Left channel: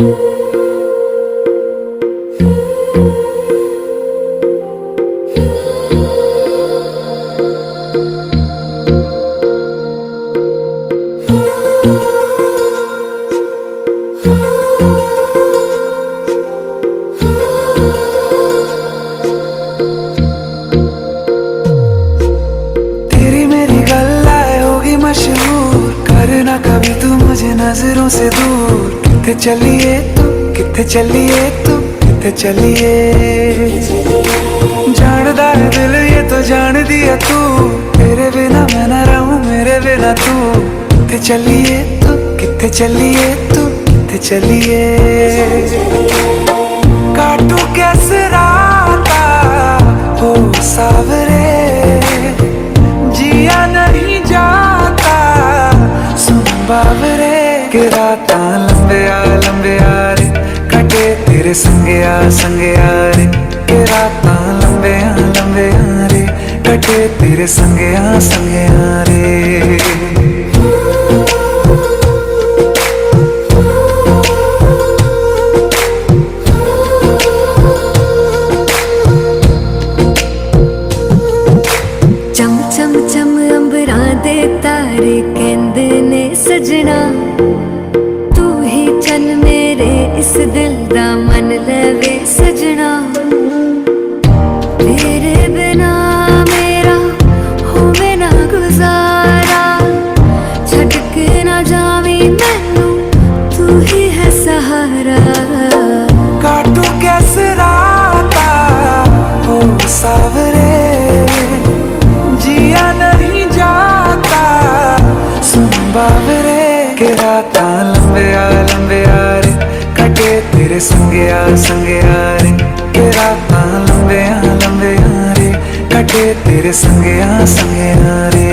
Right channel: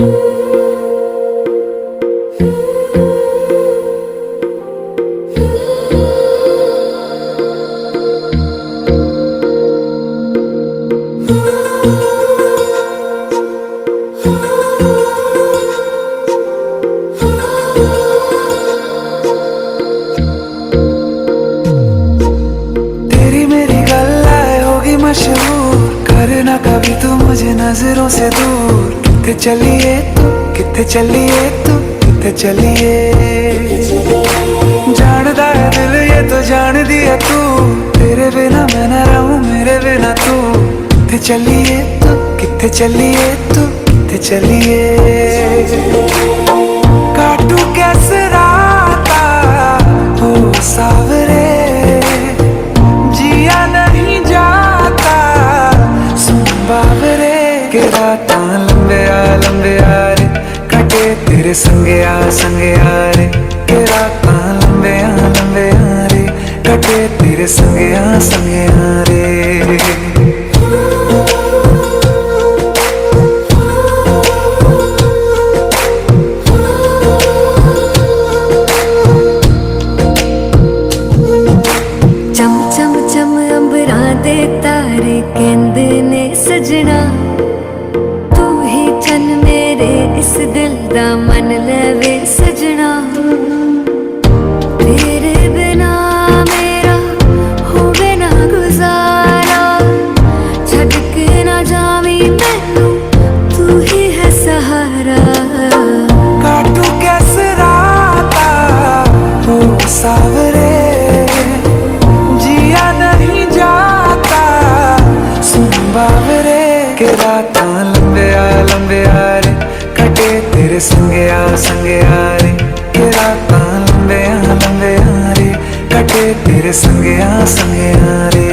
तेरी मेरी गल्लाए होगी मशहूर, करना कभी तू मुझे नजरों से दूर। किथे चलिए तू, किथे चलिए तू, किथे चलिए। जानदा है दिल ये तो जान दिया तू, तेरे बिना मैं न रहूं मेरे बिना तू। किथे चलिए तू, किथे चलिए तू, किथे चलिए। काटू कैसे राता हो सावरे, जिया नहीं जाता सुन बाबरे। के रात लंबे आ रे, कटे तेरे संगे आ रे। के रात लंबे आ रे, कटे तेरे संगे आ रे। चम चम चम अंबरां दे तारे कहंदे ने सजना, तू ही चन मेरे इस दिल दा मन लवे सजना। तेरे बिना मेरा होवे ना गुजारा, छड़ के ना जावी मैनू तू ही है सहारा। काटू कैसे राता हो सावरे, जिया नहीं जाता सुन बाबरे। के रात लंबे आ रे, कटे तेरे संगे आ रे। के रात लंबे आ रे, कटे तेरे संगे आ रे।